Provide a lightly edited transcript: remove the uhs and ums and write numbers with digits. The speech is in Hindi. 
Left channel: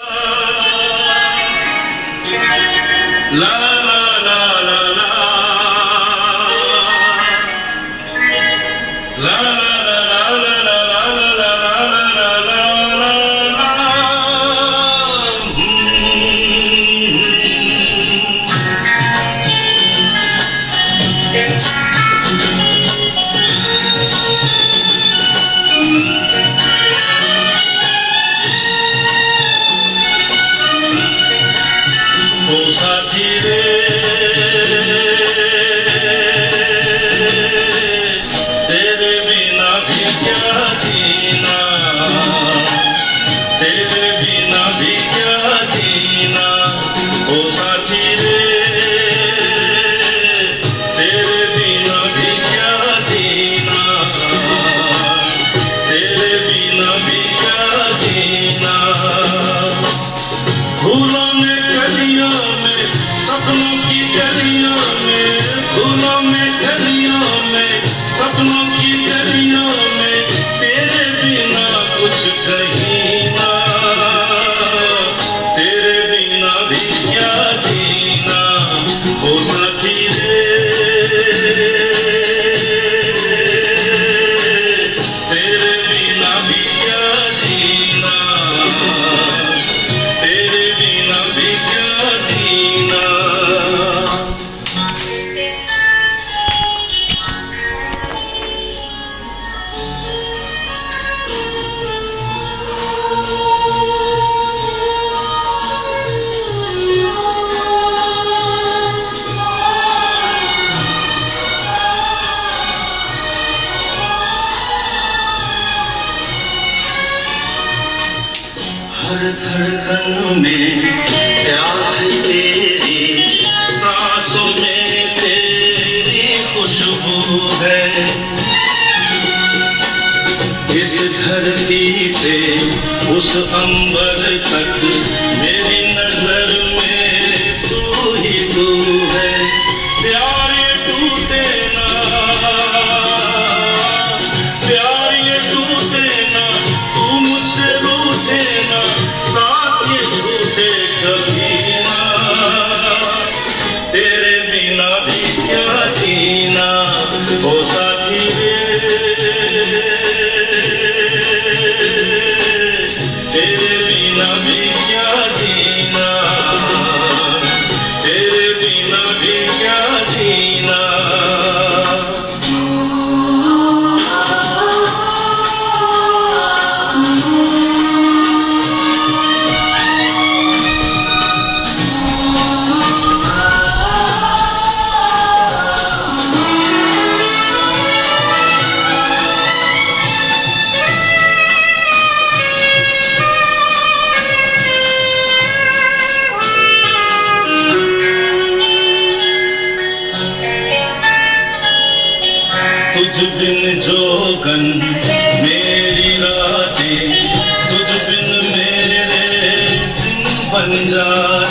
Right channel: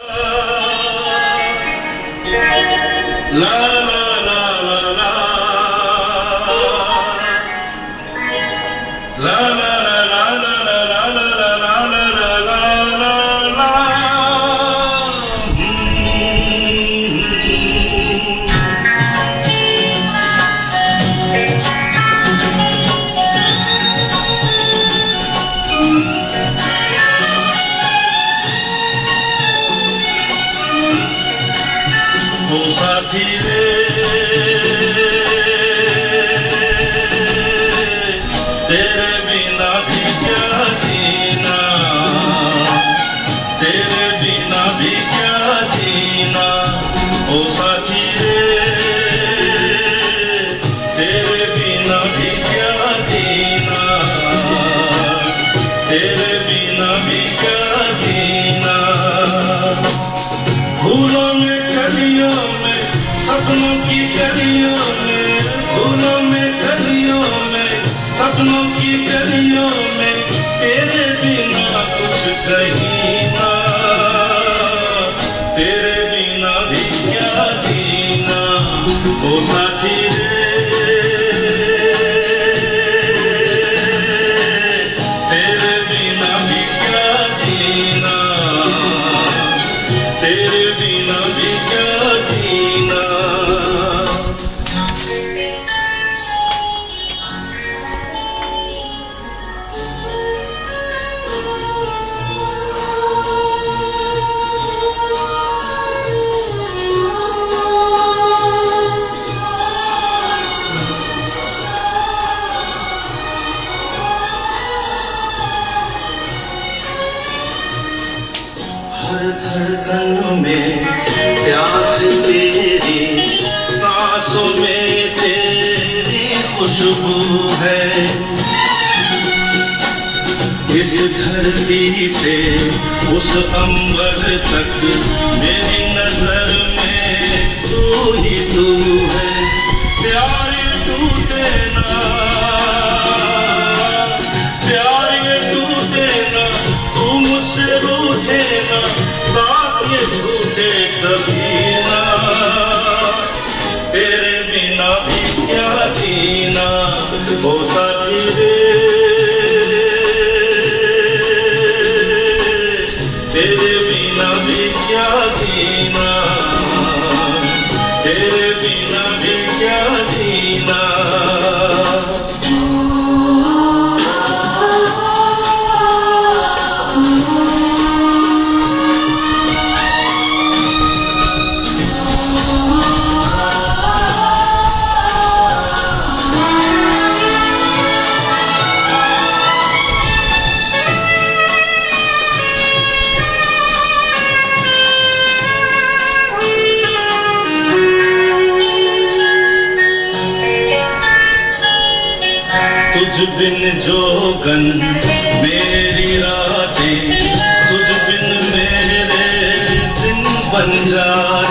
La la la la la la la la la la la la la la ओ साथी रे तेरे बिना भी क्या जीना, तेरे बिना भी क्या जीना। ओ साथी रे तेरे बिना भी क्या जीना, तेरे बिना भी क्या जीना। फूलों में गलियों में सपनों की गलियों में, फूलों में गलियों में सपनों की गलियों में तेरे बिना कुछ कहीं ना, तेरे बिना भी क्या जीना। ओ साथी रे तेरे बिना भी क्या जीना, तेरे बिना भी क्या जीना। हर धड़कन में प्यास तेरी, सांसों में तेरी खुशबू है। इस धरती से उस अंबर तक मेरी नजर में तू ही तू है। प्यार ये टूटे ना, प्यार ये टूटे ना, तू मुझसे रूठे ना, साथ ये छूटे कभी ना। तेरे बिना भी क्या जीना। ओ साथी रे तेरे बिना भी क्या जीना, तेरे बिना भी क्या जीना। तुझ बिन जोगन मेरी रातें, तुझ बिन मेरे दिन बन जाए।